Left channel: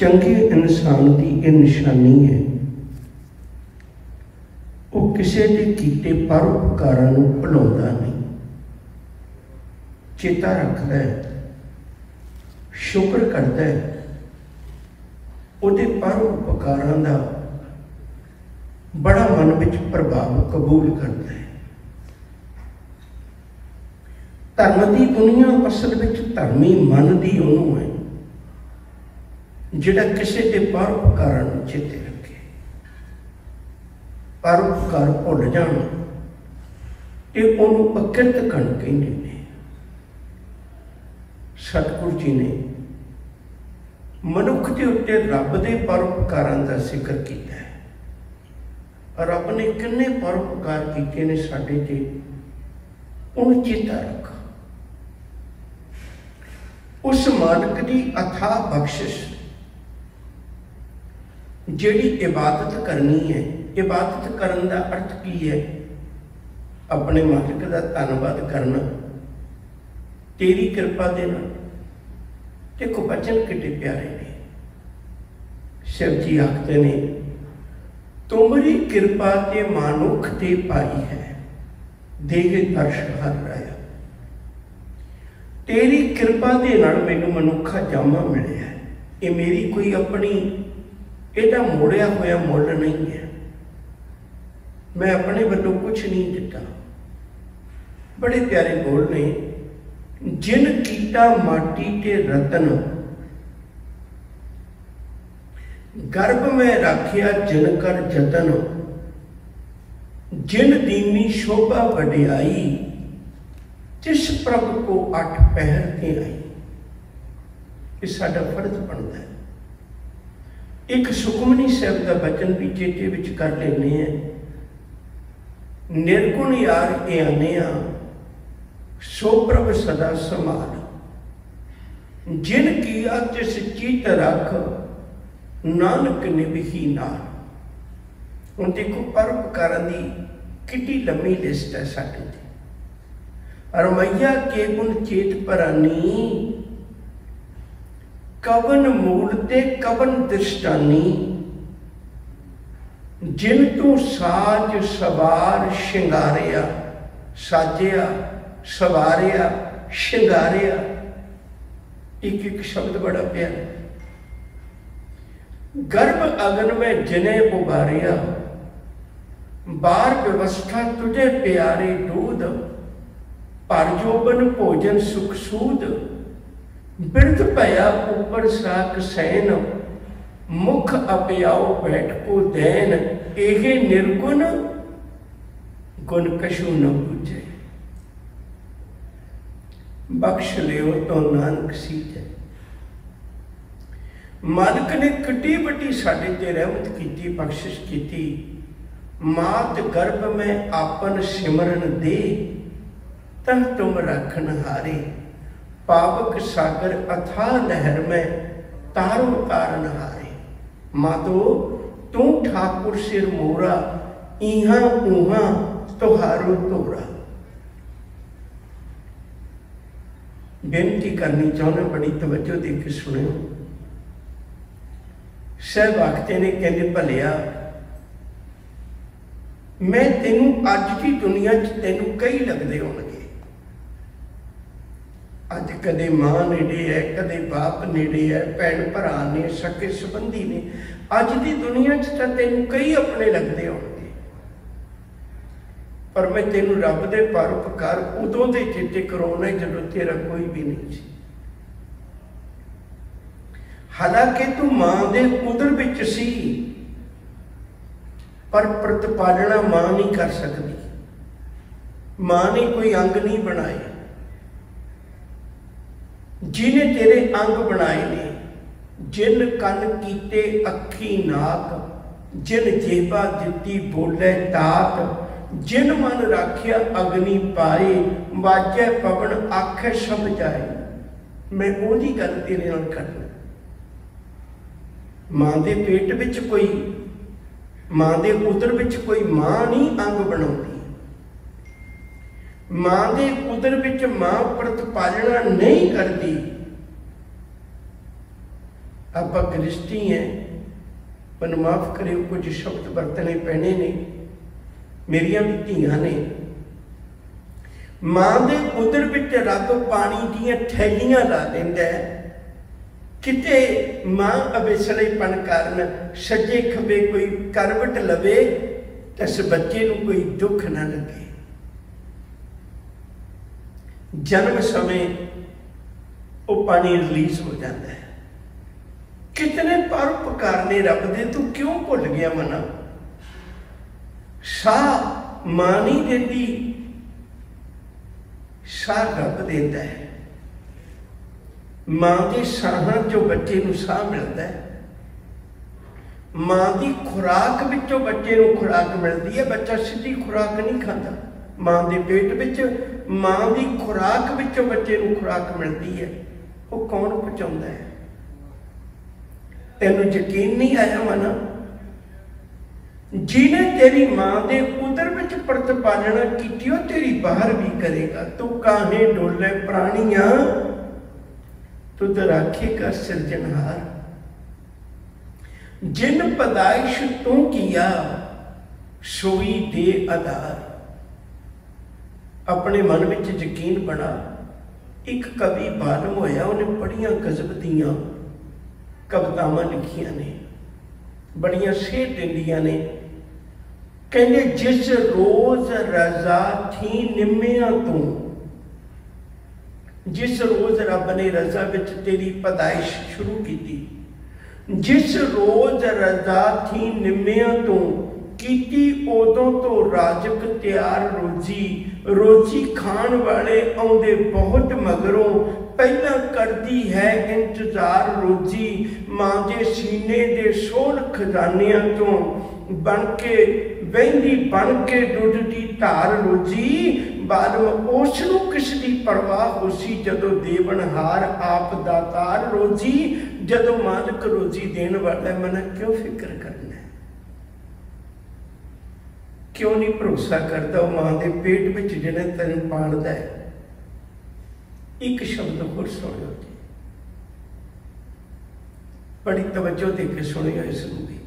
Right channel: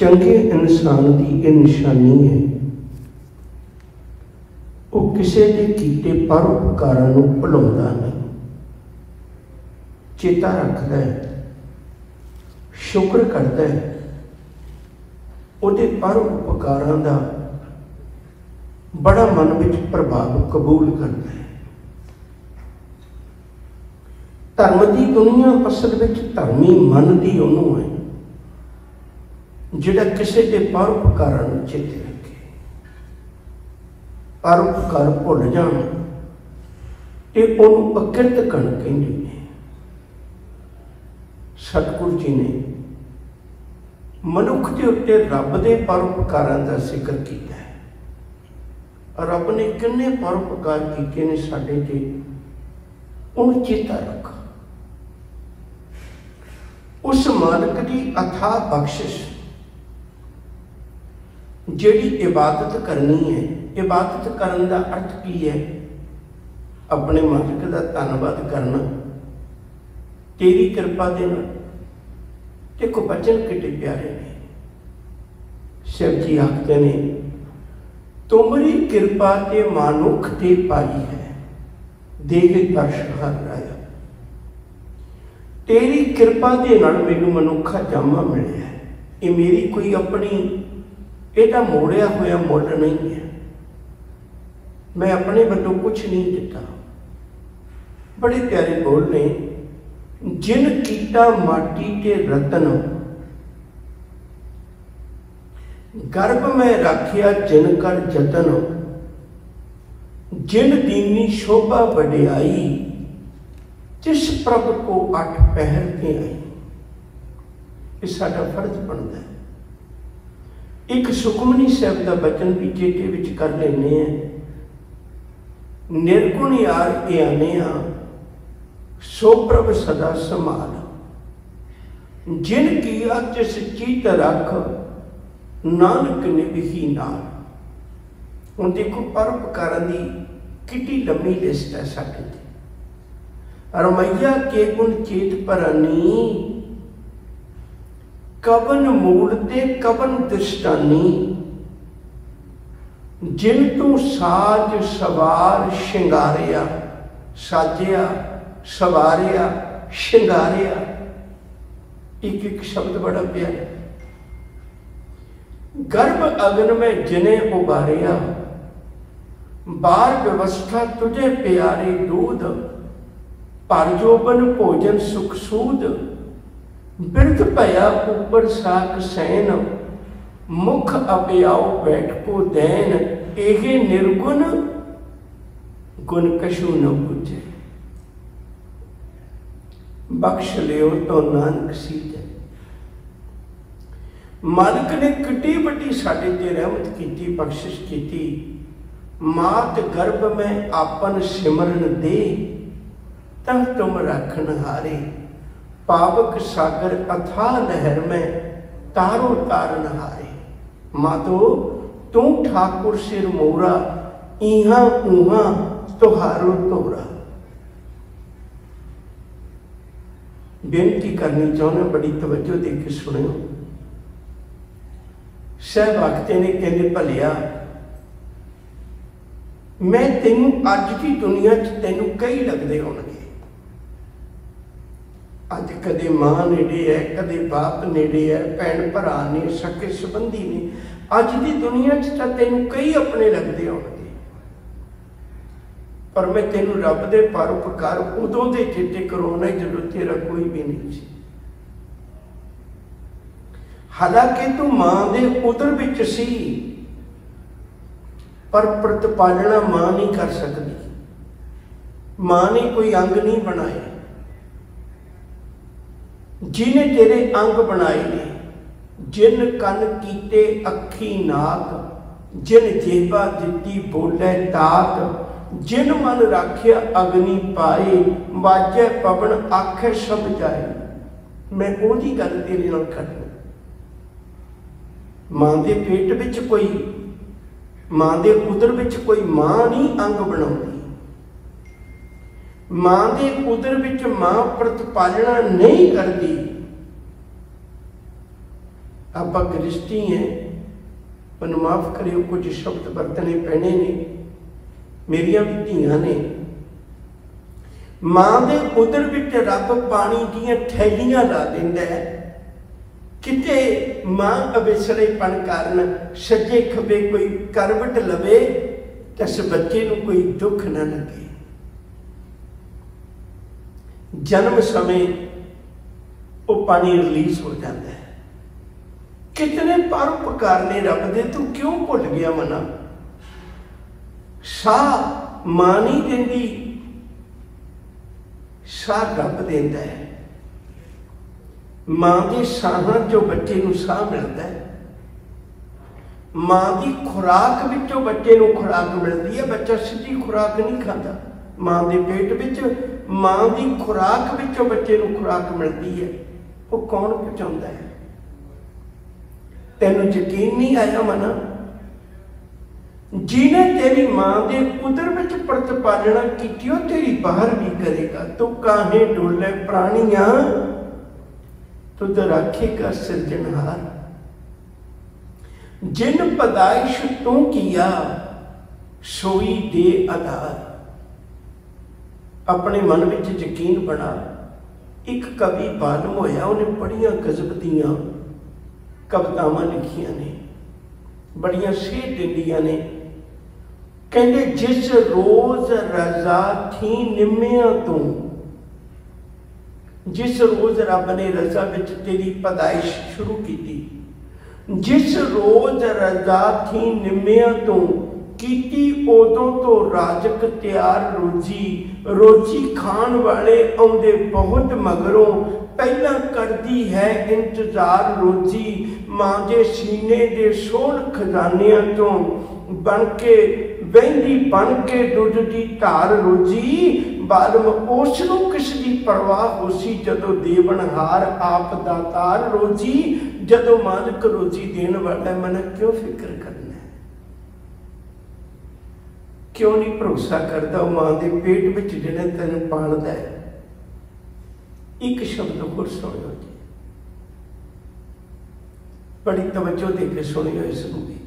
चंगे इंसान की यह निशानी है, वो किसी के कीते परोपकारां नूं भुलाउंदा नहीं, चेता रखता है, शुक्र करता है, उहदे परोपकारां दा बड़ा मन विच प्रभाव कबूल करता है। धर्म की दुनिया असल विच धर्मी मन दी उहनूं है जिहड़ा किसी के परोपकारां नूं चेते रखे। परोपकार भुल जाण ते उहनूं अकिरत कण कहिंदे ने। सतगुरु जी ने मनुख के उत्ते रब के परोपकारां का जिक्र किया है। रब ने किन्ने परोपकार किए ने साडे ते, उन्हें चेता रख। उस मालिक की अथाह बख्शिश जिहड़ी इबादत करनी है, इबादत करने का अर्थ की है? अपने मालिक का धन्नवाद करना, तेरी कृपा देना। देखो बचन कितने प्यारे ने। शिव जी आखते ने, तुमरी कृपा ते मानुख ते पाई है, देह दर्श हर राया। तेरी कृपा दे नाल मैनू मनुखा जामा मिले है। ये मेरी कोई अपनी एदा मोड़िया होया मुल नहीं है, मैं अपने वालों कुछ नहीं दिता। बड़े प्यारे बोल ने, जिन कीटा माटी के रतन, गर्भ में रखिया जिन कर जतन, जिन दीनी शोभा वडियाई, जिस प्रभ को 8 पहर ते आई। ये साडा फर्ज बनता है। एक सुखमनी साहब का वचन भी चेते विच कर लेने हैं। निर्गुण यार के आने सो प्रभ सदा संभाल, जिन किया तिस चीत रख, नानक निभही नाल। हुण देखो परोपकारां दी कितनी लंबी लिस्ट है साडे ते। रमैया के गुण चेत परानी, कवन मूल ते कवन दृष्टानी, जिन तू साज सवार शिंगारिया, साजिया सवारिया शिंगारिया। एक एक शब्द बड़ा प्यारा। गर्भ अगन में जिने उबारिया, बार व्यवस्था तुझे प्यारे दूध, परजोबन भोजन सुख सूद, बिरध भया ऊपर साक सैन, मुख अपयाओ बैठ को दैन, एहे निर्गुण गुण कशु न पूजे। बख्श लियो तो नानक सीजे। मालिक ने कितनी बड़ी साडे ते रहमत की, बख्शिश की। मात गर्भ में आपन सिमरन दे, तह तुम राखन हारे, पावक सागर अथाह लहर में तारो तारन हारे। मातो तू ठाकुर सिर मोरा, इहा ऊहा तुहारो तोरा। बेनती करनी चाहना, बड़ी तवज्जो दे के सुनियो। साहब आखते ने, कहते भलिया मैं तेनू अज की दुनिया च तेनू कई लगते होणगे। अज कदे मां नेड़े है, कदे बाप नेड़े है, भैन भरा ने, सके संबंधी ने। अज की दुनिया च तां तेनू कई अपने लगते होणगे, पर मैं तेनू रब दे परोपकार उदों दे चेते करवाउणा जदों तेरा कोई भी नहीं सी। हालांकि तू मां दे उदर विच सी, पर प्रतिपालना मां नहीं कर सकती। मां ने कोई अंग नहीं बनाए, जिन्हें तेरे अंग बनाए ने। जिन कन कीते अखी नाक, जिन जेबा दिती बोले ताक, जिन मन राखिया अग्नि पाए, वाजे पवन आखे सब जाए। मैं ओदी गल तेरे नाल करनी। मां दे पेट विच कोई, मां दे उदर विच कोई मां नहीं अंग बनाउंदी। मां दे उदर विच मां प्रतिपालना नहीं करती। ਆਪਾਂ ਗ੍ਰਿਸ਼ਟੀ हैं, ਮੈਨੂੰ माफ़ करियो कुछ शब्द वरतने पैने ने, मेरिया भी धीआं ने। मां दे उदर विच रब पानी दीआं थैलियां ला दिंदा है, किते मां अवेसलेपन कारण सज्जे खब्बे कोई करवट लवे तो इस बच्चे नूं कोई दुख ना लगे। जन्म समय वो पानी रिलीज हो जाता है। कितने परोपकार ने रब दे, तू क्यों भुल गया मना? साह मां नहीं देंदी, साह रब देंदा है। मां के साहां चों बच्चे नूं साह मिलता है, मां की खुराक विचों बच्चे नूं खुराक मिलती है। बच्चा सीधी खुराक नहीं खाता, मां के पेट विच मां की खुराक विचों बच्चे नूं खुराक मिलती है। वो कौन पहुंचाता है? तेनों यकीन नहीं आया मना? जिन्हें तेरी मां के उदर विच प्रतिपालना की तेरी बाहर भी करेगा। तू काहे डोले प्राणिया तुद राखेगा सिरजनहार। जिन पैदाइश तू किया सोई दे आधार। अपने मन में यकीन बना। एक कवि बालम होया, उन्हें बड़िया गजब दियां कवितावां लिखियां ने, बड़िया सेध दिंदियां ने। कहंदे जिस रोज रजा थी निम्मिया तू, जिस रोज रब ने रजा विच तेरी पैदाइश शुरू की थी, जिस रोज रजा थी निम्मिया तू कीती उदों तो राजक तैयार रोजी। रोजी खान वाले आउंदे बहुत मगरों, पहला करती है इंतजार रोजी। मां दे सीने दे सोल खजानियां तो बन के वहंदी, बन के दुध दी धार रोजी। बालम उसनूं किस दी परवाह होसी जदों देवनहार आप दातार रोजी। जदों मालिक रोजी देण वाला मन क्यों फिक्र करना? क्यों नहीं भरोसा करता मां के पेट में जिहड़ा तेन पालदा है? एक शब्द होर सुनियो जी, बड़ी तवज्जो दे के सुनियो इसनूं भी।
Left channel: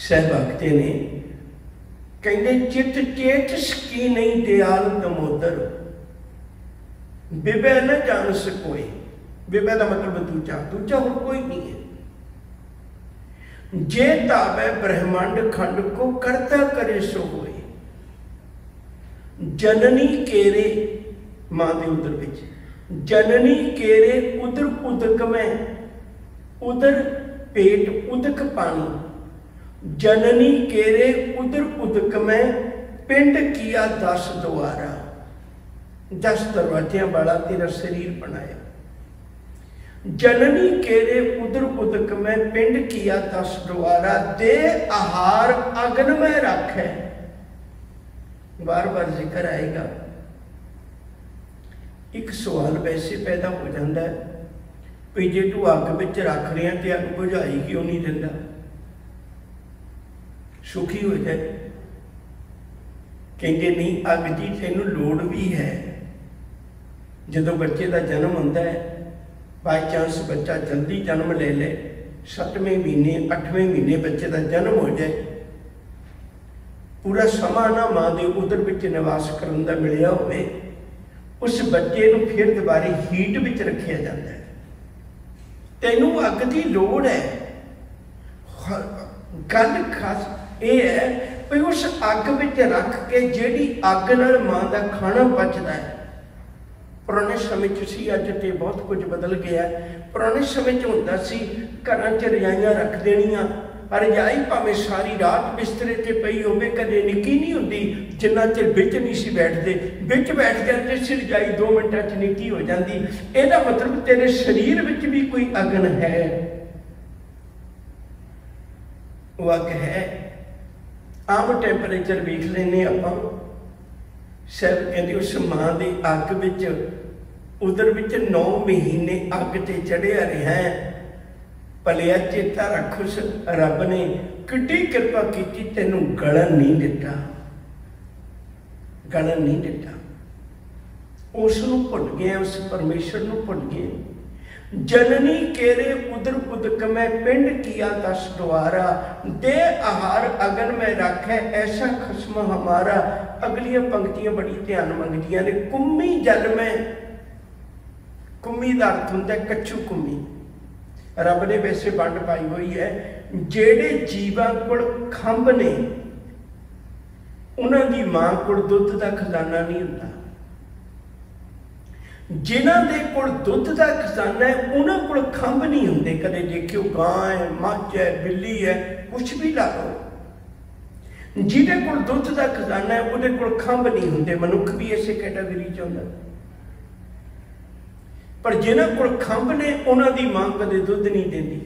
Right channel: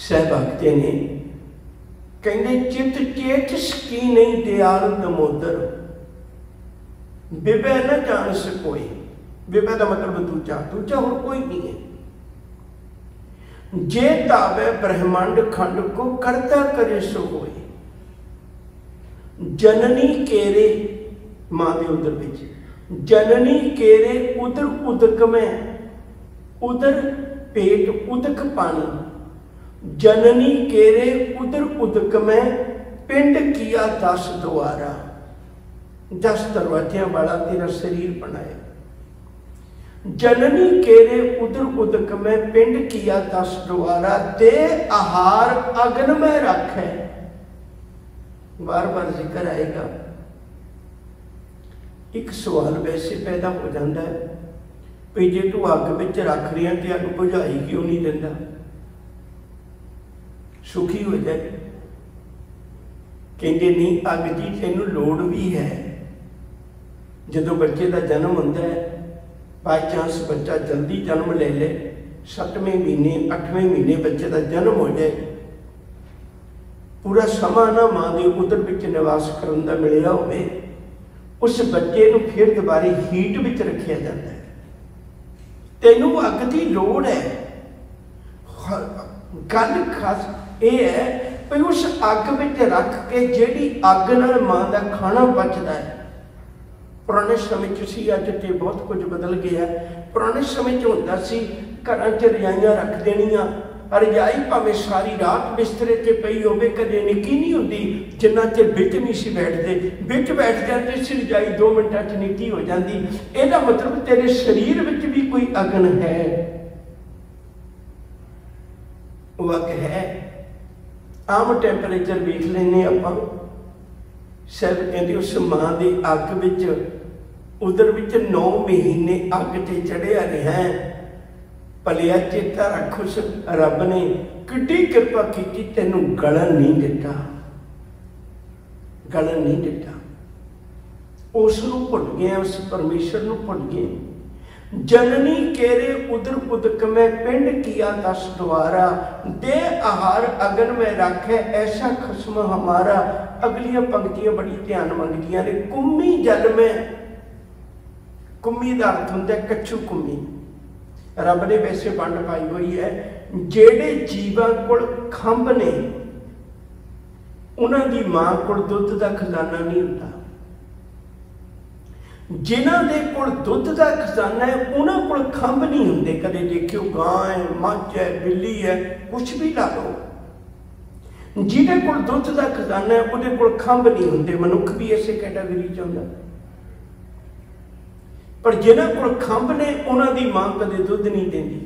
सहभागते ने कहंदे चित चेत सकी नहीं दयाल दमोदर। बिबे न जान सकोई। बिबे का मतलब दूजा, दूजा होर कोई नहीं है। जे तावे ब्रह्मांड खंड को करता करे सो होए। जननी केरे मां दे उदर विच, जननी केरे उदर उदक में, उदर पेट उदक पानी। जननी केरे उदर उदक में पिंड किया 10 द्वारा। 10 दरवाजियां वाला तेरा शरीर बनाया। जननी केरे उदर उदक में पिंड किया 10 द्वारा। दे आहार अग्न में रखे। बार बार जिक्र आएगा। एक सवाल वैसे पैदा हो जाता है भी जे तू अग विच रख रही है तो अग बुझाई क्यों नहीं दिंदा? सुखी हो जाए। कहते नहीं अग जी तेनू लोड़ भी है। जदों बच्चे का जन्म होंदा है, बाई चांस बच्चा जल्दी जन्म ले ले, 7वें महीने 8वें महीने बच्चे का जन्म हो जाए, पूरा समा ना मां के उदर विच निवास करन दा मिलिया होवे, उस बच्चे नूं फिर दोबारे हीट विच रखिया जाता है। तेनू अग की लोड़ है। गल खास ये है भी उस अग विच रख के जिहड़ी अग नाल मां का खाना बचता है। पुराने समय सी अज तो बहुत कुछ बदल गया। पुराने समय होंदा सी घरां च रजाइयां रख देनियां, रजाई भावें सारी रात बिस्तरे ते पई होवे, कदे निक्की नहीं हुंदी, जिन्ना चिर बिच नहीं सी बैठते, बिच बैठ जाते सी रजाई 2 मिनटां च निक्की हो जाती। इहदा मतलब तेरे शरीर विच भी कोई अगन है, वो अग है। आम टैंपरेचर वेख लेने आपां, शायद कहते उस मां की अग विच उदर विच 9 महीने अग ते चढ़िया रहा। भलिया चेता रख उस रब ने किड्डी कृपा की, तेनू गलन नहीं दिता, गलन नहीं दिता। उसनू भुल गए, उस परमेश्वर नू भुल गए जननी केरे उदर उदक में पिंड किया 10 द्वारा, दे आहार अगन में रखे ऐसा खस्म हमारा। अगलियां पंक्तियां बड़ी ध्यान मंगदियां ने। कुम्मी जल में, कुम्मी का अर्थ होंदा कच्चू कुम्मी। रब ने वैसे वंड पाई हुई है, जेड़े जीवां कोल खंभ ने उन्हां दी मां कोल दुध का खजाना नहीं होंदा। जिन्हां दे कोल दुध का खजाना है उन्हां कोल खंभ नहीं होंदे। कदे देखियो गां है, मझ है, बिल्ली है, कुछ भी ला लो, जिहदे कोल दुध का खजाना है उहदे कोल खंभ नहीं होंदे। मनुख भी इसे कैटागरी च आउंदा। पर जिन्हां कोल खंभ ने उन्हां दी मां कदे दुध नहीं देंदी।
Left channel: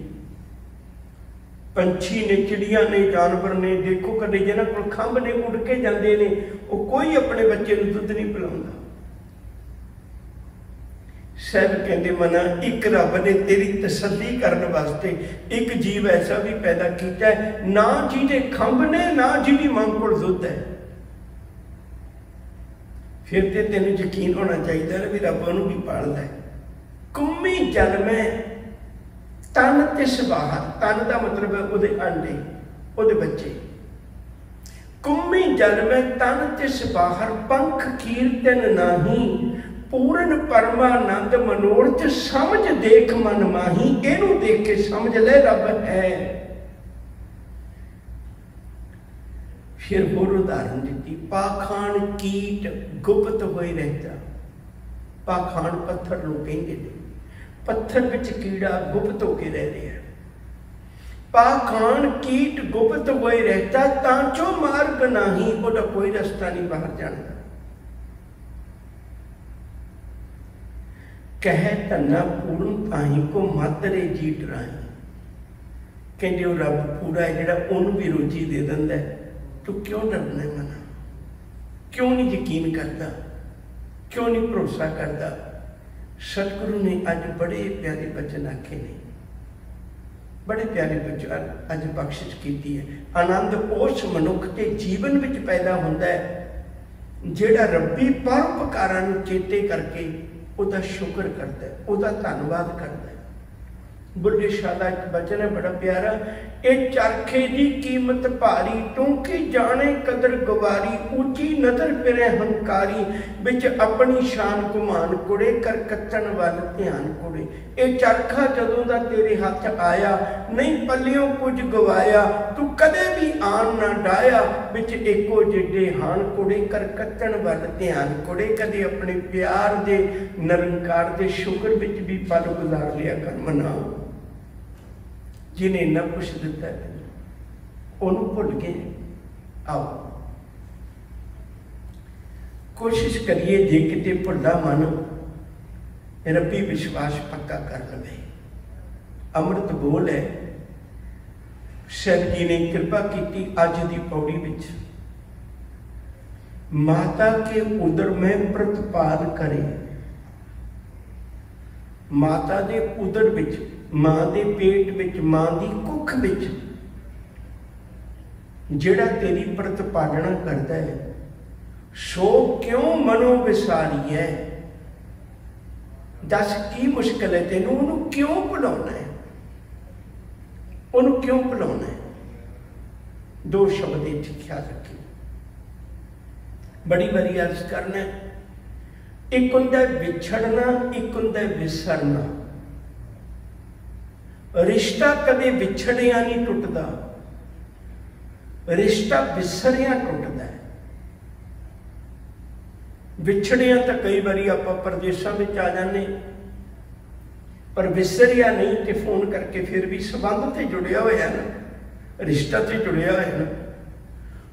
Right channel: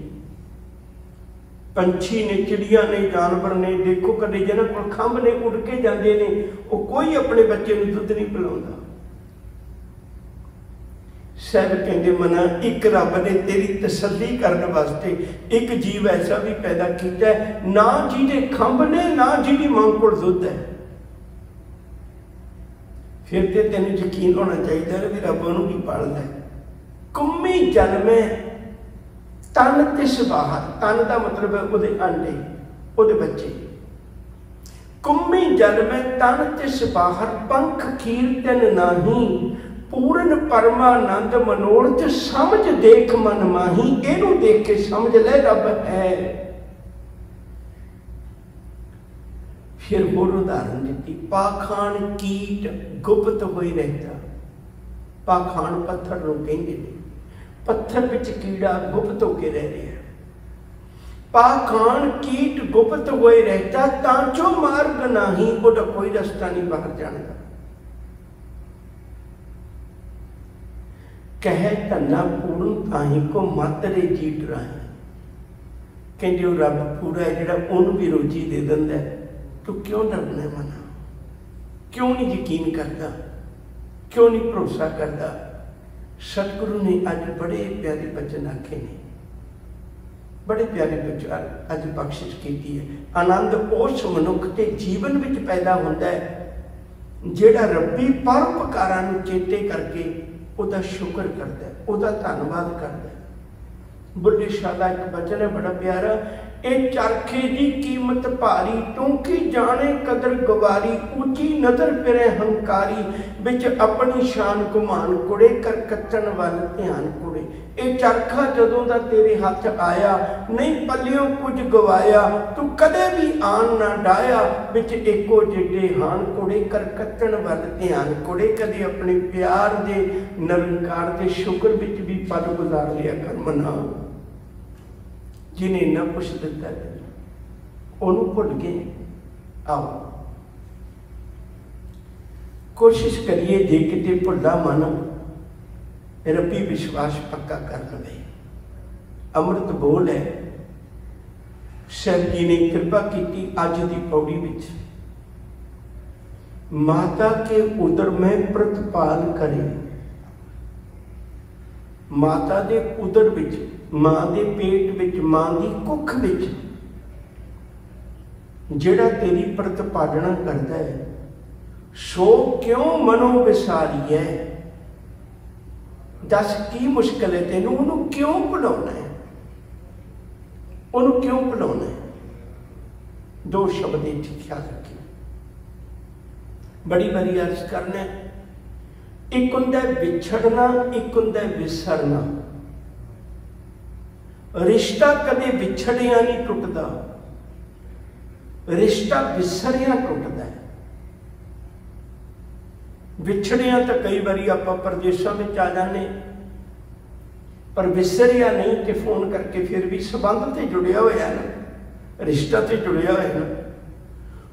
पंछी ने, चिड़ियां ने, जानवर ने, देखो कदे जिन्हां कोल खंभ ने उड़ के जांदे ने, वो कोई अपने बच्चे नूं दुध नहीं पिलाउंदा। साहब कहते मना एक रब ने तेरी तसल्ली करने वास्ते एक जीव ऐसा भी पैदा किया है, ना जिहदे खंभ ने, ना जिहदी मां कोल दुध है। फिर तो तेन यकीन होना चाहिए भी रब उन्होंने भी पालदा है। कुम्मी जल में तन तिस बाहर, तन का मतलब है उहदे अंडे, उहदे बच्चे। कुम्मी जल में तन तिस बाहर, पंख कीर्तन नाही, पूर्ण परमानंद मनोरथ समझ देख मन माही। इनू देख के समझ ले रब है। फिर होर उदाहरण दी, पाखान कीट गुप्त होई रहता। पाखान पत्थर नूं कहंदे ने, पत्थर विच कीड़ा गुप्त होके रह रहा है। पाखान कीट गुप्त होए रहता, तांचो मार्ग नाही, उहदा कोई रास्ता नहीं बाहर जाने का। कहे धना पूर्ण ताही को मातरे जीत राही। कहते रब पूरा है जिहड़ा उहनूं भी रोजी दे दिंदा है, तू क्यों डरना है मना? क्यों नहीं यकीन करता? क्यों नहीं भरोसा करता? सतगुरु ने अज बड़े प्यारे वचन आखे ने, बड़े प्यारे वचन अज बख्शिश की है। आनंद उस मनुख के जीवन में पैदा होता है जिहड़ा रब्बी परोपकारां नूं चेते करके उसका शुक्र करता है, उसका धन्यवाद करता है। बुढ़े शाह का एक वचन है बड़ा प्यारा, ए चरखे की कीमत भारी, टूंकी जाने कदर गवारी, ऊंची नजर फिरे हंकारी, बिच अपनी शान घुमान कुड़े, कर कत्तन वाल ध्यान कुड़े। ए चरखा जदों दा तेरे हाथ आया, नहीं पल्लियों कुछ गवाया, तू कदे भी आन ना डाया, बिच एको जिड्डे हान कुड़े, कर कत्तन वाल ध्यान कुड़े। कदे अपने प्यार दे निरंकार दे शुक्र बिच भी पल गुजार लिया कर मना। जिन्हें इन्ना कुछ दिता है उन्होंने भुल गए। आओ कोशिश करिए जे किते भुला मन रब्बी विश्वास पक्का कर लवे। अमृत बोल है, साहब जी ने कृपा की अज की पौड़ी विच, माता के उदर में प्रतिपाल करे। माता के उदर विच, मां के पेट विच, मां की कुख विच जिहड़ा तेरी प्रतिपालना करता है, सो क्यों मनो विसारी है। दस की मुश्किल है तेनू, उन्होंने क्यों भुलाना है, उन्होंने क्यों भुलाना है। दो शब्द इत्थे ख्याल रखिए, बड़ी बारी अर्ज करना। एक हुंदा विछड़ना, एक हुंदा विसरना। रिश्ता कदे विछड़िया नहीं टुटदा, रिश्ता विसरिया टुटदा है। विछड़िया तो कई बारी आपां परदेसां में आ जाने, पर विसरिया नहीं तो फोन करके फिर भी संबंध से जुड़िया होया ना, रिश्ता से जुड़िया होया ना।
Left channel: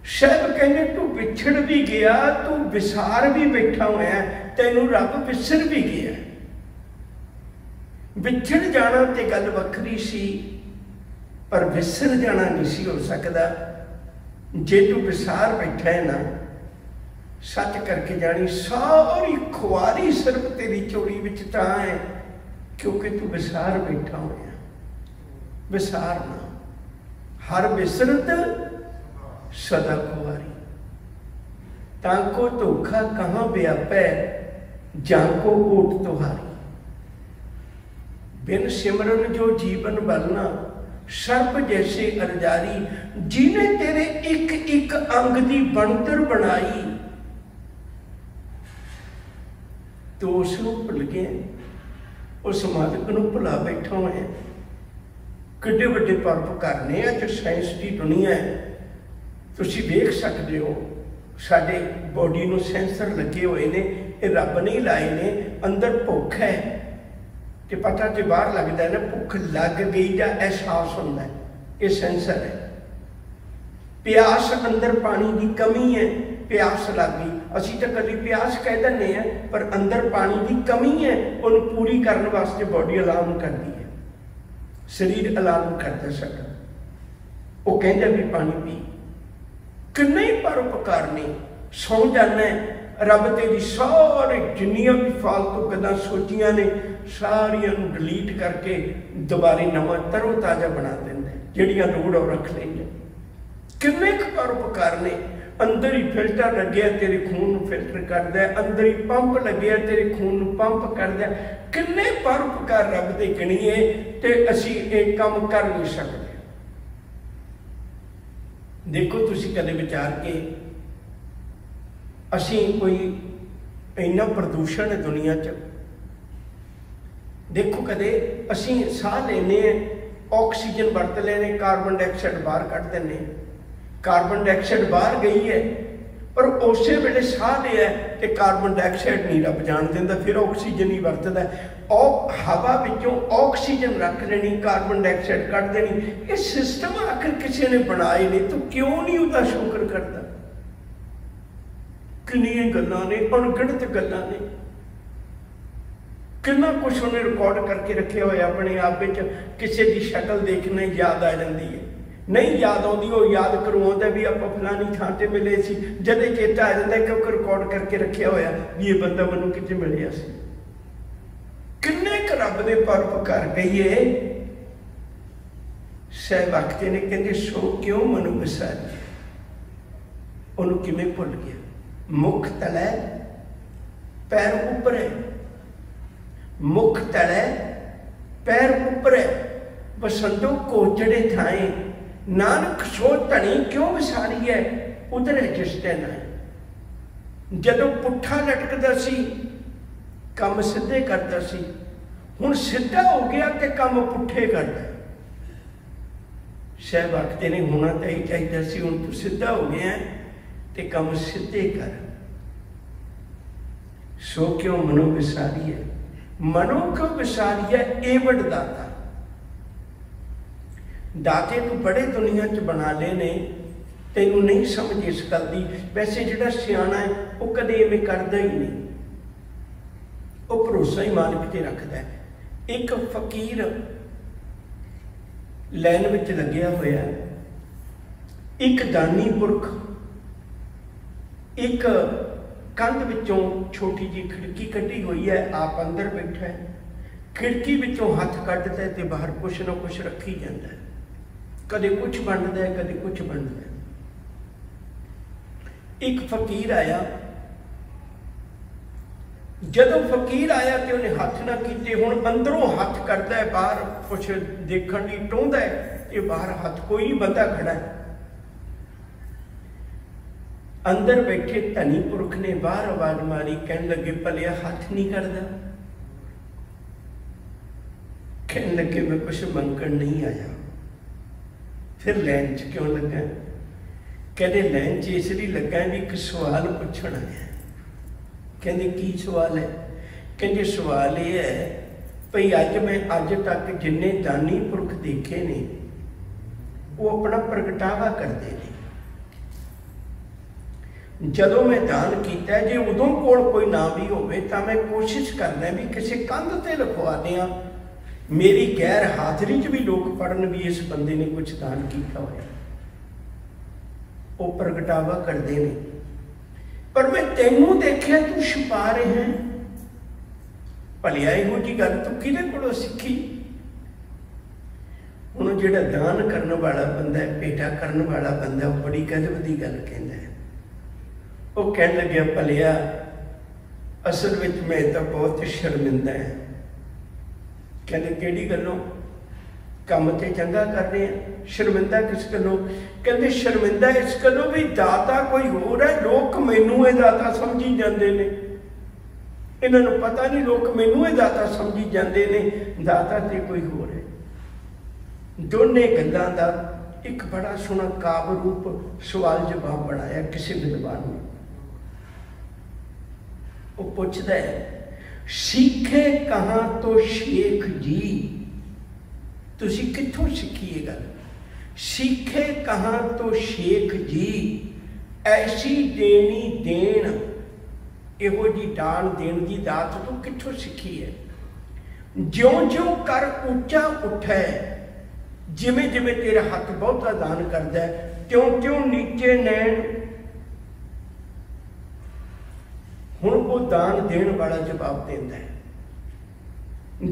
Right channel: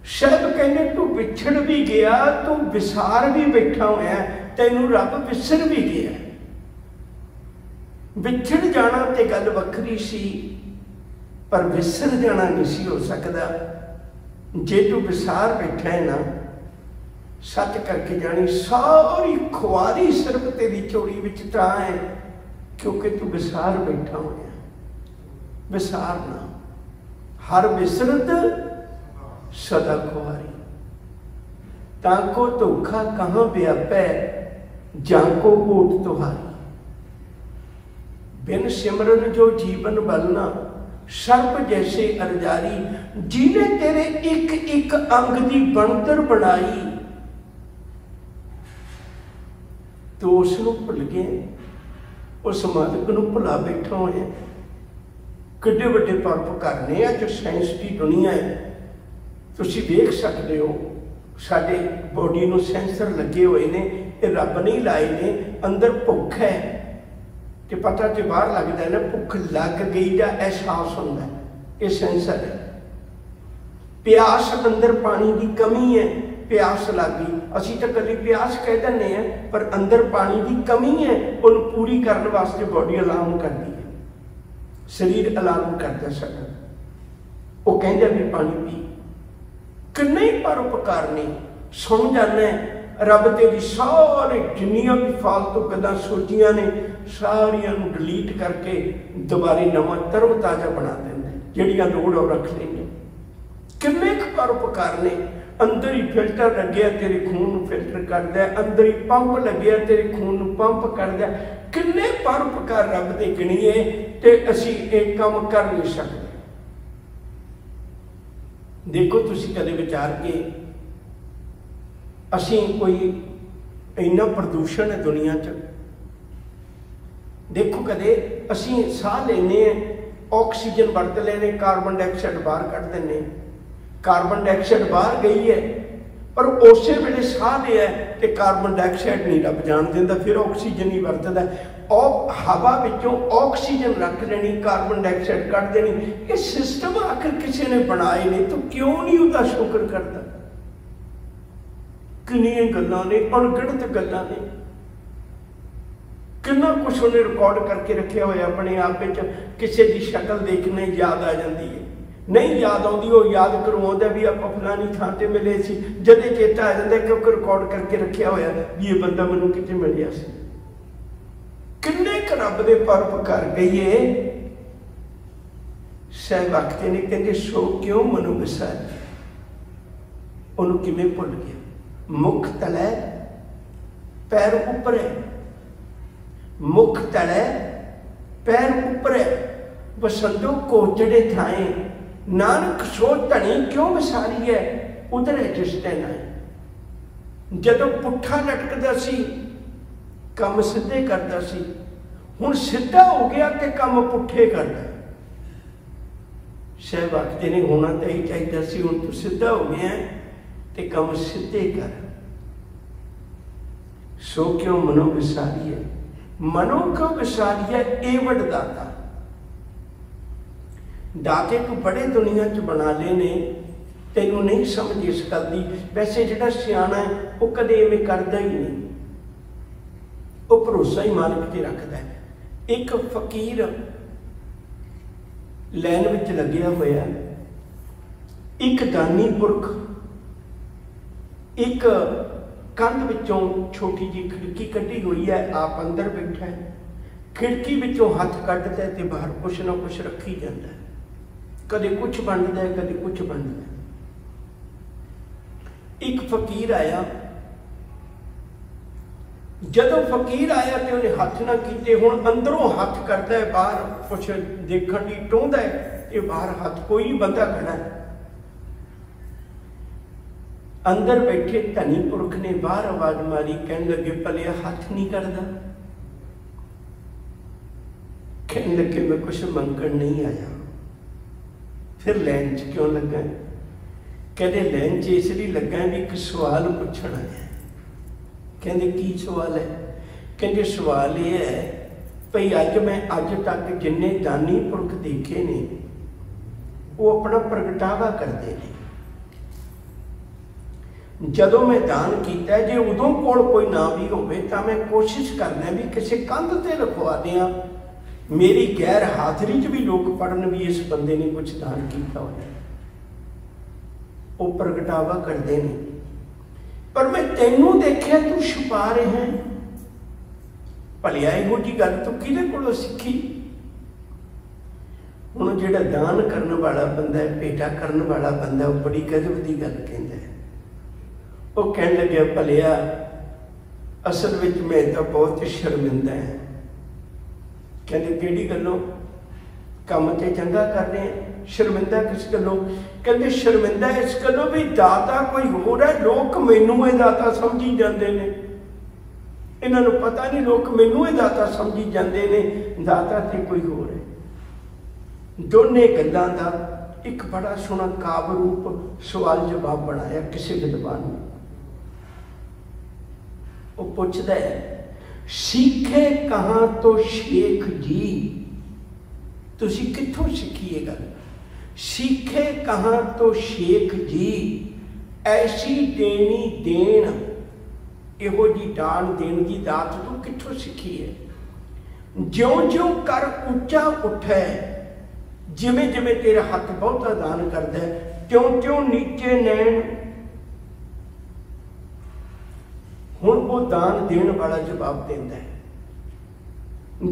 शायद कहने तू विछड़ भी गया, तू विसार भी बैठा होया, तैनू रब विसर भी गया। विछड़ जाना तो गल वखरी सी, पर विसर जाना नहीं सी हो सकता। जे तू विसार बैठा है ना, सच करके जानी सारी खुआरी सिर्फ तेरी चोरी विच तां है क्योंकि तू विसार बैठा होया। विसार ना, हर विसरत सदा खुआरी। ताको धोखा कहाँ व्यापै, जाको ओट तुहारी। बिन सिमरन जो जीवन बलना, सर्प जैसे अरजारी। जिने तेरे एक एक अंग की बनतर बनाई, तो उसनू भुल गए, उस मालिक नू भुला बैठा होया। किड्डे वड्डे परोपकार ने अज साइंस की दुनिया है, तुसीं वेख सकते हो। साडे बॉडी नू सेंसर लगे हुए ने, ये रब नहीं लाए ने। अंदर भुख है तो पता तो बाहर लगता है ना, भुख लग गई का एहसास होता है, ये सेंसर है। प्यास, अंदर पानी की कमी है, प्यास लग गई। असीं तो कभी प्यास कह दें हैं, पर अंदर पानी की कमी है, उन्हें पूरी करने वास्ते बॉडी अलार्म करती है, शरीर अलार्म करता साडा। वो कहते भी पानी पी। किन्ने परोपकार ने। सौ जाना रब तेरी सारी जिन्नियां भी फालतू गल्लां सोचियां ने, सारियां नूं डिलीट करके दोबारे नवां तरव ताज़ा बना देंदा, जिहड़ियां लोड़ और रख लेंगे। किन्ने परोपकार ने। अंदर ही फिल्टर लगे तेरे खून नूं फिल्टर करदा है, अंदर ही पंप लगे तेरे खून नूं पंप करदा है। किन्ने परोपकार रब दे गिणीए ते असीं एक काम कर नहीं सकते। देखो तुसीं कदे विचार के, असीं कोई इन्ना प्रदूषण है दुनिया च। देखो कदे असीं साह लेने, ऑक्सीजन वरत लेने, कार्बन डाइऑक्साइड बाहर कढ़ देने। कार्बन डाइऑक्साइड बाहर गई है, पर उस वेले साह लिया तो कार्बन डाइऑक्साइड नहीं रब जान देंदा, फिर ऑक्सीजन ही वरतदा। हवा विचों ऑक्सीजन रख लेनी, कार्बन डाइऑक्साइड कढ़ देनी। ये सिस्टम आखिर किसी ने बनाए ने, तो क्यों नहीं उसका शुक्र करता? किन्नियां गल्लां ने, अणगिणत गल्लां ने, कितना कुछ उन्हें रिकॉर्ड करके रखे हुए अपने आप में। किसी की शक्ल देखने याद आ जाती है, नहीं याद आती वो याद करवाता भी आप फलानी थां ते मिले सी, जदे चेता आ जाता क्योंकि रिकॉर्ड करके रखा होया भी ये बंदा मैनूं किते मिलिया सी। किन्ने क रब दे परोपकार कहिए। सहवागते ने कहते सो क्यों मनु विसारी, उन्होंने किवें भुल गया। मुख तले पैर उपर है, मुख तले पैर उपर है। बसंतों कोचड़े थाए, नानक सो धनी क्यों विसारी है, उधरे जिस दिन आए। जदों पुट्ठा लटकदा सी काम सीधे करता सी, हुण सीधा हो गया तो काम पुट्ठे करता। सहवागते ने होना तो ही चाहिए सी, हुण तू सीधा हो गया तो काम सीधे कर। सो क्यों मनो विसारी है, मनो क्यों विसारी है ए वडदाता। दाते तू बड़े दुनिया च बना ले ने, तेनू नहीं समझ इस गल की। वैसे जिहड़ा सियाणा है वो कदे इवें करदा ही नहीं, वो भरोसा ही मालिक ते रखदा है। एक फकीर लैन विच लग्या होया, एक दानी पुरख एक कंध विचों छोटी जी खिड़की कटी हुई है, आप अंदर बैठा है। खिड़की विचों हाथ कढ़दा है तो बाहर कुछ ना कुछ रखी जाता है, कदे कुछ बनता है कदे कुछ बनता है। एक फकीर आया, जदों फकीर आया तो उन्हें हथ ना कीते, हुण अंदरों हथ करता है, बाहर कुछ देखण लई टोंदा है, ये बाहर हथ कोई नहीं, बंदा खड़ा है। अंदर बैठे धनी पुरख ने बाहर आवाज मारी, कहने लगे भलिया हथ नहीं करदा। कहने लगे मैं कुछ मंगण नहीं आया। फिर लैन च क्यों लगा? कहते लैन च इसलिए लगा भी एक सवाल पूछना है। कहते की सवाल है? कहते सवाल ये है भाई अज मैं अज तक जिन्ने दानी पुरख देखे ने वो अपना प्रगटावा करते हैं। जदों मैं दान किया जे उदों कोल कोई ना भी होवे तां मैं कोशिश करना भी किसी कंध ते लिखवा दियां, मेरी गैर हाजिरी च भी लोग पढ़न भी इस बंदे ने कुछ दान किया होया। वो प्रगटावा करते हैं, पर मैं तेनू देखिया तू छुपा रहे हैं। भलिया इहो जी गल तू किहदे कोलों सीखी? हुण जिहड़ा दान करने वाला बंदा है, भेटा करने वाला बंदा, वो बड़ी गजब की गल कहंदा है। वो कहने लगे भलिया असल में मैं तो बहुत शर्मिंदा है, कहते किहड़ी गल्लों? काम ते चंगा कर रहे हैं, शर्मिंदा किस गल्लों? कहते शर्मिंदा इस गल्लों भी दाता कोई होर है, लोग मैनू ये दाता समझी जाते हैं। इन्हां नूं पता नहीं, लोग मैनू ये दाता समझी जाते हैं, दाता ते कोई होर है। दोने गल्लां दा एक बड़ा सोहना काव्य रूप सवाल जवाब बनाया किसी विद्वान ने। वो पुछदा है, सीखे कहाँ तो शेख जी? तुसी कित्थों सीखी ये गल? सीखे कहाँ तो शेख जी, ऐसी देनी देन, इहो जी दान देन की दात तू कित्थों सीखी है? ज्यों ज्यों कर उच्चा उठे, जिमें जिमें तेरा हथ बहुता दान करता है, त्यों त्यों नीचे नैन। हुण वो दान देने वाला जवाब देता है,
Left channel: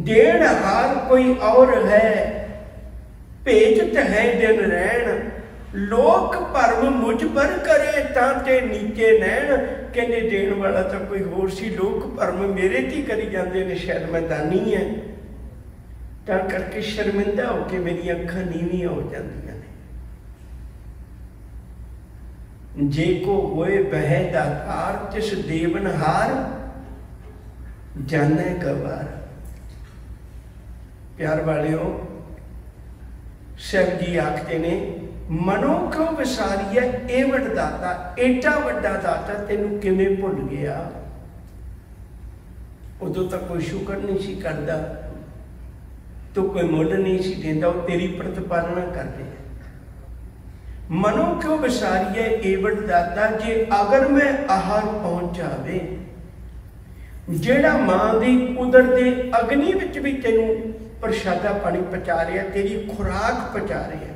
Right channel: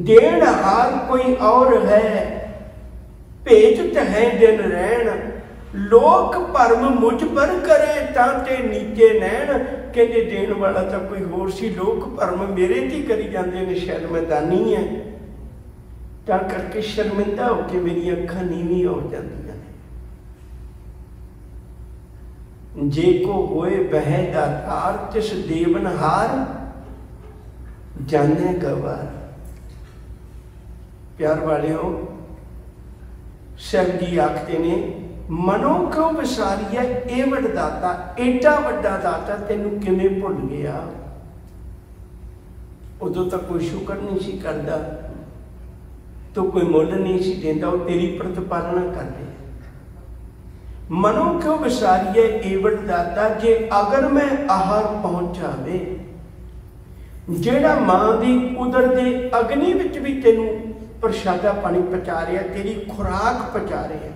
देन हार कोई और है, भेजत है दिन रैन, लोक भरम मुझ पर करे तांते नीचे नैन। कहते देन वाला तो कोई होर सी, लोक भरम मेरे ते करी जाते हैं, शायद मैं दानी है, तां करके शर्मिंदा होकर मेरी अखां नीवीं हो जांदियां ने। जे को होए बह दातार, तिस देवनहार जाने गवार। प्यार वालियों, साहब जी आखते ने, मनो क्यों विसारी है एवड दाता, एडा वड्डा दाता तेनू किवें भुल गया? उदों तक कोई शुक्र नहीं सी करदा, तो कोई मुल नहीं सी देंदा, वो तेरी प्रतिपालना करदे। मनो क्यों विसारी है एवड दाता, जे अगर मैं आहार पहुंच जावे। जेड़ा मां दी उदर दे अग्नि विच भी तेनू प्रशादा पानी पहुंचा रहा, तेरी खुराक पहुंचा रहा है,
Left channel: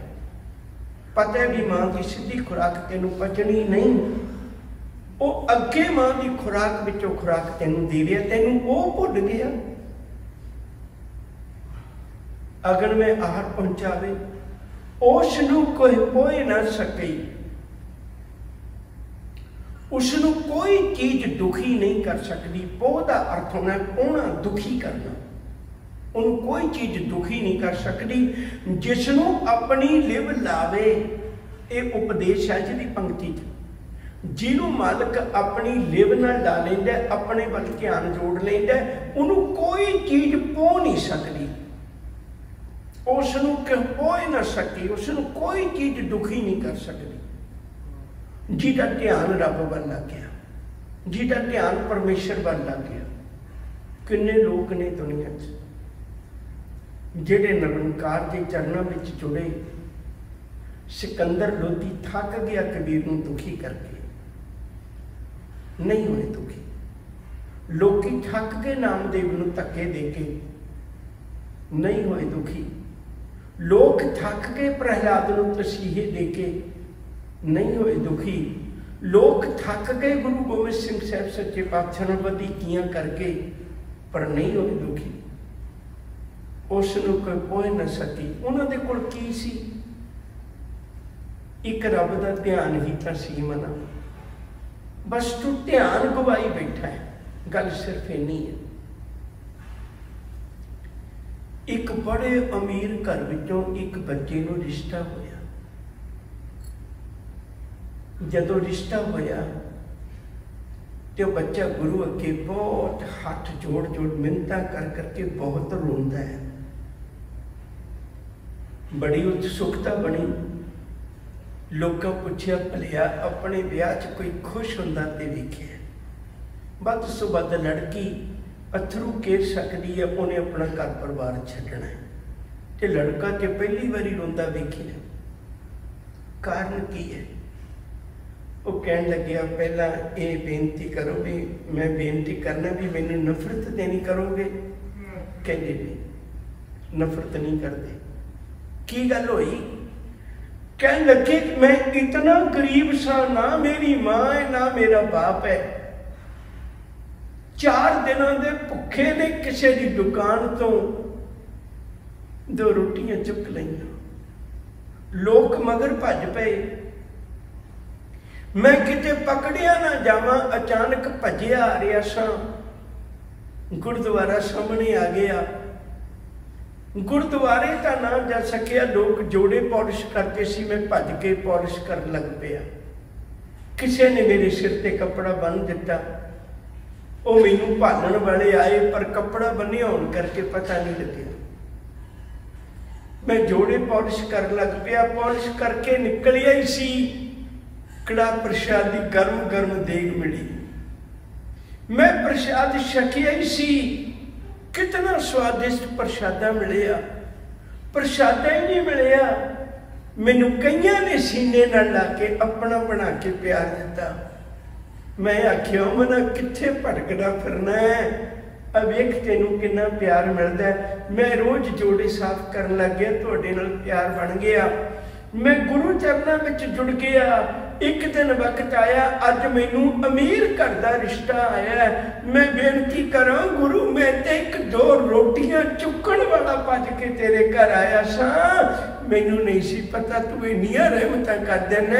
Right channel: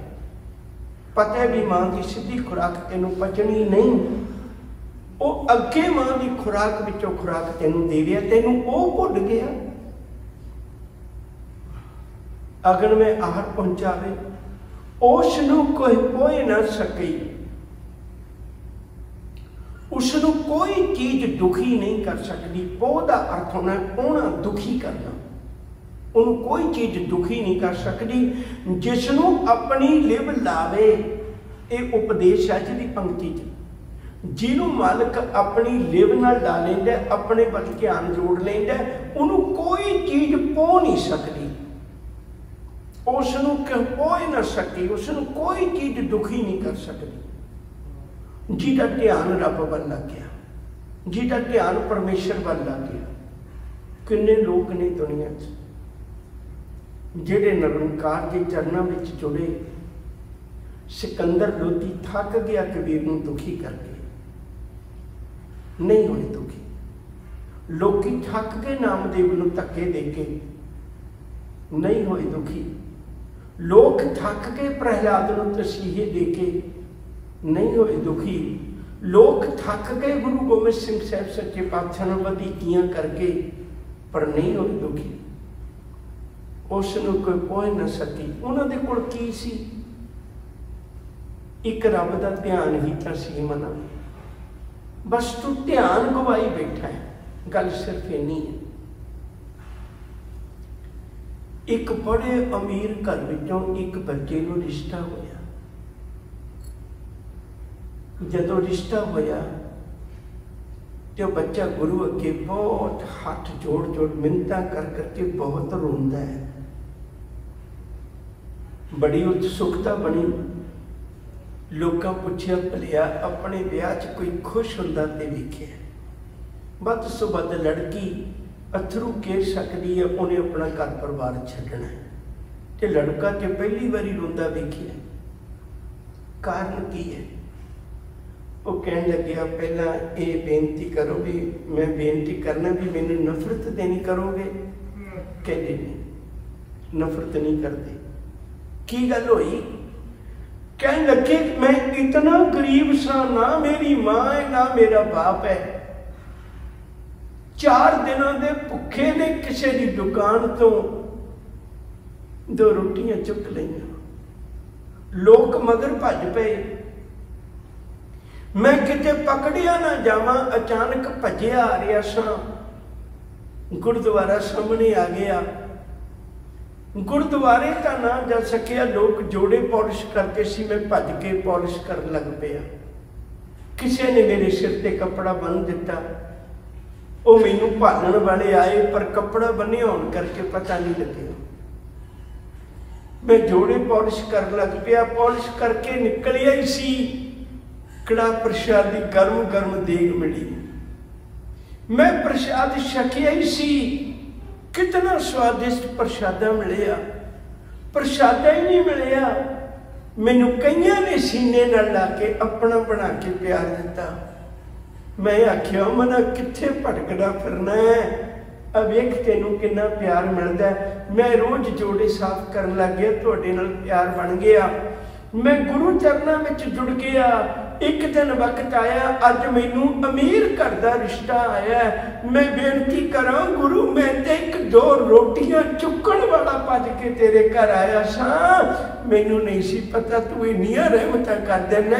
पता है भी मां की सीधी खुराक तेनू पचनी नहीं, वो अगे मां की खुराक विचों खुराक तेनू दे रहा, तेनू वो भुल गया। अगर मैं आहार पहुंचावे, उसनू कोई पोए ना सके, उसनू कोई चीज दुखी नहीं कर सकती। पोह का अर्थ होना पोना, दुखी करना। उन्होंने कोई चीज दुखी नहीं कर सकती जिसनों अपनी लिव लावे। ये उपदेश है जी पंक्ति च, जिन्हों मालिक अपनी लिव नाल ला लेंदा, अपने वल ध्यान जोड़ लेंदा, उन्होंने कोई चीज पोह नहीं सकती, उसनों पोह ना सके, उसनों कोई चीज दुखी नहीं कर सकती। जिहदा ध्यान रब वल लग गया, जिहदा ध्यान परमेश्वर वल लग गया। किन्ने लोग ने दुनिया च जेड़े निरंकार के चरणों में जुड़े। सिकंदर लोधी थक गया कबीर नूं दुखी करके, नहीं होए दुखी। लोकी थक गए नामदेव नूं धक्के दे के, नहीं होए दुखी। लोग थक गए प्रहलाद नूं तसीहे दे के, नहीं होए दुखी। लोग थक गए गुरु गोबिंद सिंह साहब सच्चे पातशाह नाल वधीकियां करके, पर नहीं होए दुखी। उसनूं कोई पोह ना सकी। उन्हां दे कोल की सी? एक रब का ध्यान ही तो सी मना। बस तू ध्यान गवाई बैठा है, गल सिर्फ इन्नी है। एक बड़े अमीर घर विचों एक बच्चे नूं रिश्ता होया। जदों रिश्ता होया तो बच्चा गुरु अगे बहुत हाथ जोड़ जोड़ मिन्नतां कर करके बहुत रोंदा है। बड़ी उत्सुकता बनी। लोगों पूछया भलिया अपने ब्याह च कोई खुश हुंदा ते वेखिया। बद सो बद लड़की अथरू घेर सकती है, उन्हें अपना घर परिवार छड्डना है, ते लड़का ते पहली बारी रोंदा वेखिया। कारण की है? वो कह लग्या पहला ये बेनती करो भी, मैं बेनती करना भी मैनू नफरत तो नहीं करोगे? कहते नहीं, नफरत नहीं करते। की गल होई? कह लगे मैं इतना गरीब सा, ना मेरी मां है ना मेरा बाप है, 4 दिनों के भुखे ने किसी की दुकान तो 2 रोटियां चुक लईयां। लोग मगर भज पे, मैं किते पकड़िया ना जावा। अचानक भजिया आ रहा सा, गुरुद्वारा सामने आ गया। गुरुद्वारे का ना जा सकिया, लोग जोड़े पॉलिश करते सी, मैं भज के पॉलिश कर लग पिया। किसी ने मेरे सिर ते कपड़ा बन दिता, वो मैनू भालण वाले आए पर कपड़ा बन्निया होने करके पता नहीं लगे। मैं जोड़े पॉलिश कर लग पिया, पॉलिश करके निकलिया ही सी, कड़ा प्रसादी गर्म गर्म देग मिली। मैं प्रसाद छकिया ही सी, कितना स्वादिष्ट प्रसादा मिलिया, प्रसादा ही नहीं मिलिया, मैनू कईयां ने सीने नाल ला के अपना बना के प्यार दिता। मैं आखिया मना कित्थे भटकदा फिरना है, अवेख तेनू किन्ना प्यार मिलदा है। मैं रोज जोड़े साफ करन लग गया, तुहाडे नाल प्यार बन गया, मैं गुरु चरनां विच जुड़ गया। एक दिन वक्त आया, अज मैनू अमीर घर का रिश्ता आया, मैं बेनती करा गुरु, मैं ते एक दो रोटियां चुकन वाला भज के तेरे घर आया सा, मैनू नहीं सी पता तू इन्नियां रहमतां कर देना।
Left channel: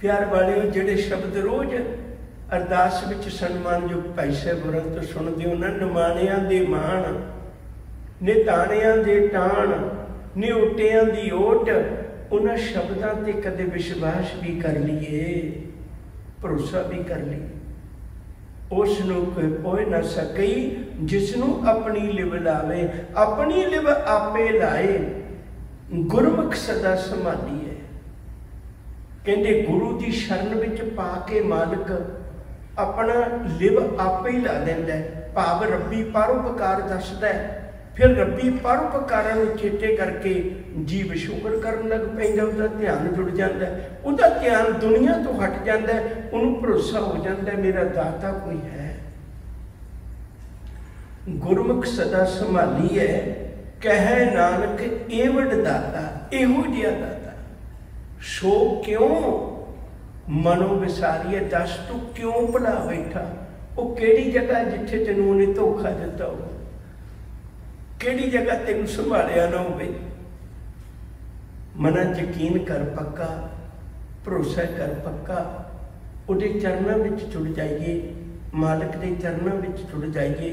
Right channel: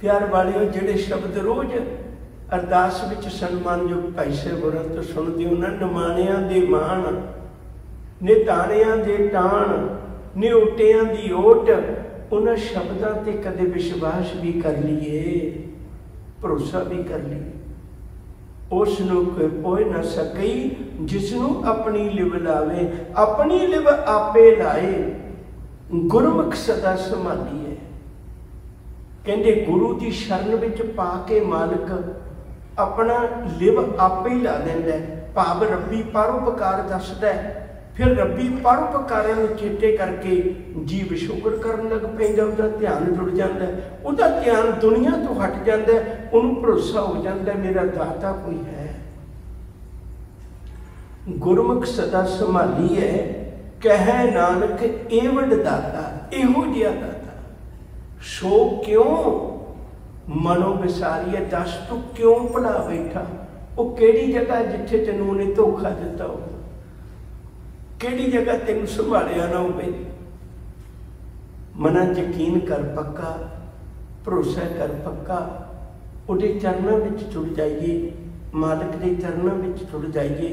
प्यार वालिओ, जिहड़े शब्द रोज अरदास विच सन्मानयोग भाई साहब होरां तो सुणदे हो ना, निमाणियां दे माण, निताणियां दे टाण, निउटियां दी ओट, उन्हां शब्दां ते कदे विश्वास भी कर लीए, भरोसा भी कर लीए। उस नूं कोई पोए ना सकई, जिसनूं अपनी लिव लावे, अपनी लिव आपे लाए, गुरमुख सदा संभालीए। कहंदे गुरु की शरण विच पा के मालिक अपना लिव आपे ही ला लैंदा है। भाव रब्बी परोपकार दसदा है, फिर रब्बी परोपकारिਆਂ ਨੂੰ चेते करके जीव शुक्र करन लग पैंदा, उसका ध्यान जुड़ जाता है, उसका ध्यान दुनिया तो हट जाता है, उन्होंने भरोसा हो जाता है मेरा दाता कोई है। गुरमुख सदा संभाली है, कह नानक एवड दाता, एहो जिहा दाता, सो क्यों मनो विसारिए। दस तू क्यों भुला बैठा, वो केड़ी जगह जिथे तेनू उन्हें धोखा दिता हो, केड़ी जगह तेन संभालिया ना हो। मना यकीन कर पक्का, भरोसा कर पक्का, उहदे चरणों में जुड़ जाइए, मालिक के चरणों में जुड़ जाइए।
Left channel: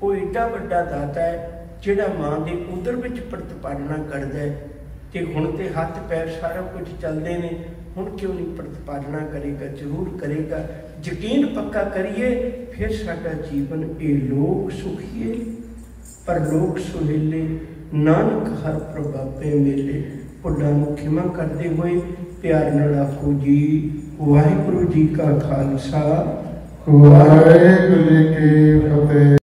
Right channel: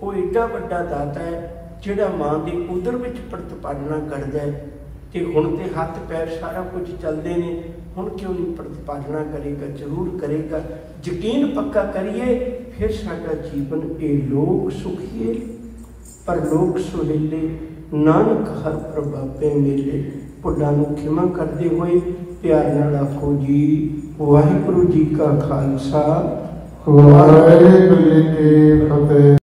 वो एडा वड्डा दाता है जिहड़ा मां के उदर विच प्रतिपालना करदा है, ते हुण ते हथ पैर सारा कुछ चलते हैं, हुण क्यों नहीं प्रतिपालना करेगा, जरूर करेगा। यकीन पक्का करिए, फिर साडा जीवन ये लोक सुखीए पर लोक सुहेले, नानक हर प्रभावे मेले। भुलां नूं खिमा करते हुए प्यार नाल आखो जी वाहिगुरू जी का खालसा, वाहिगुरू जी की फतेह।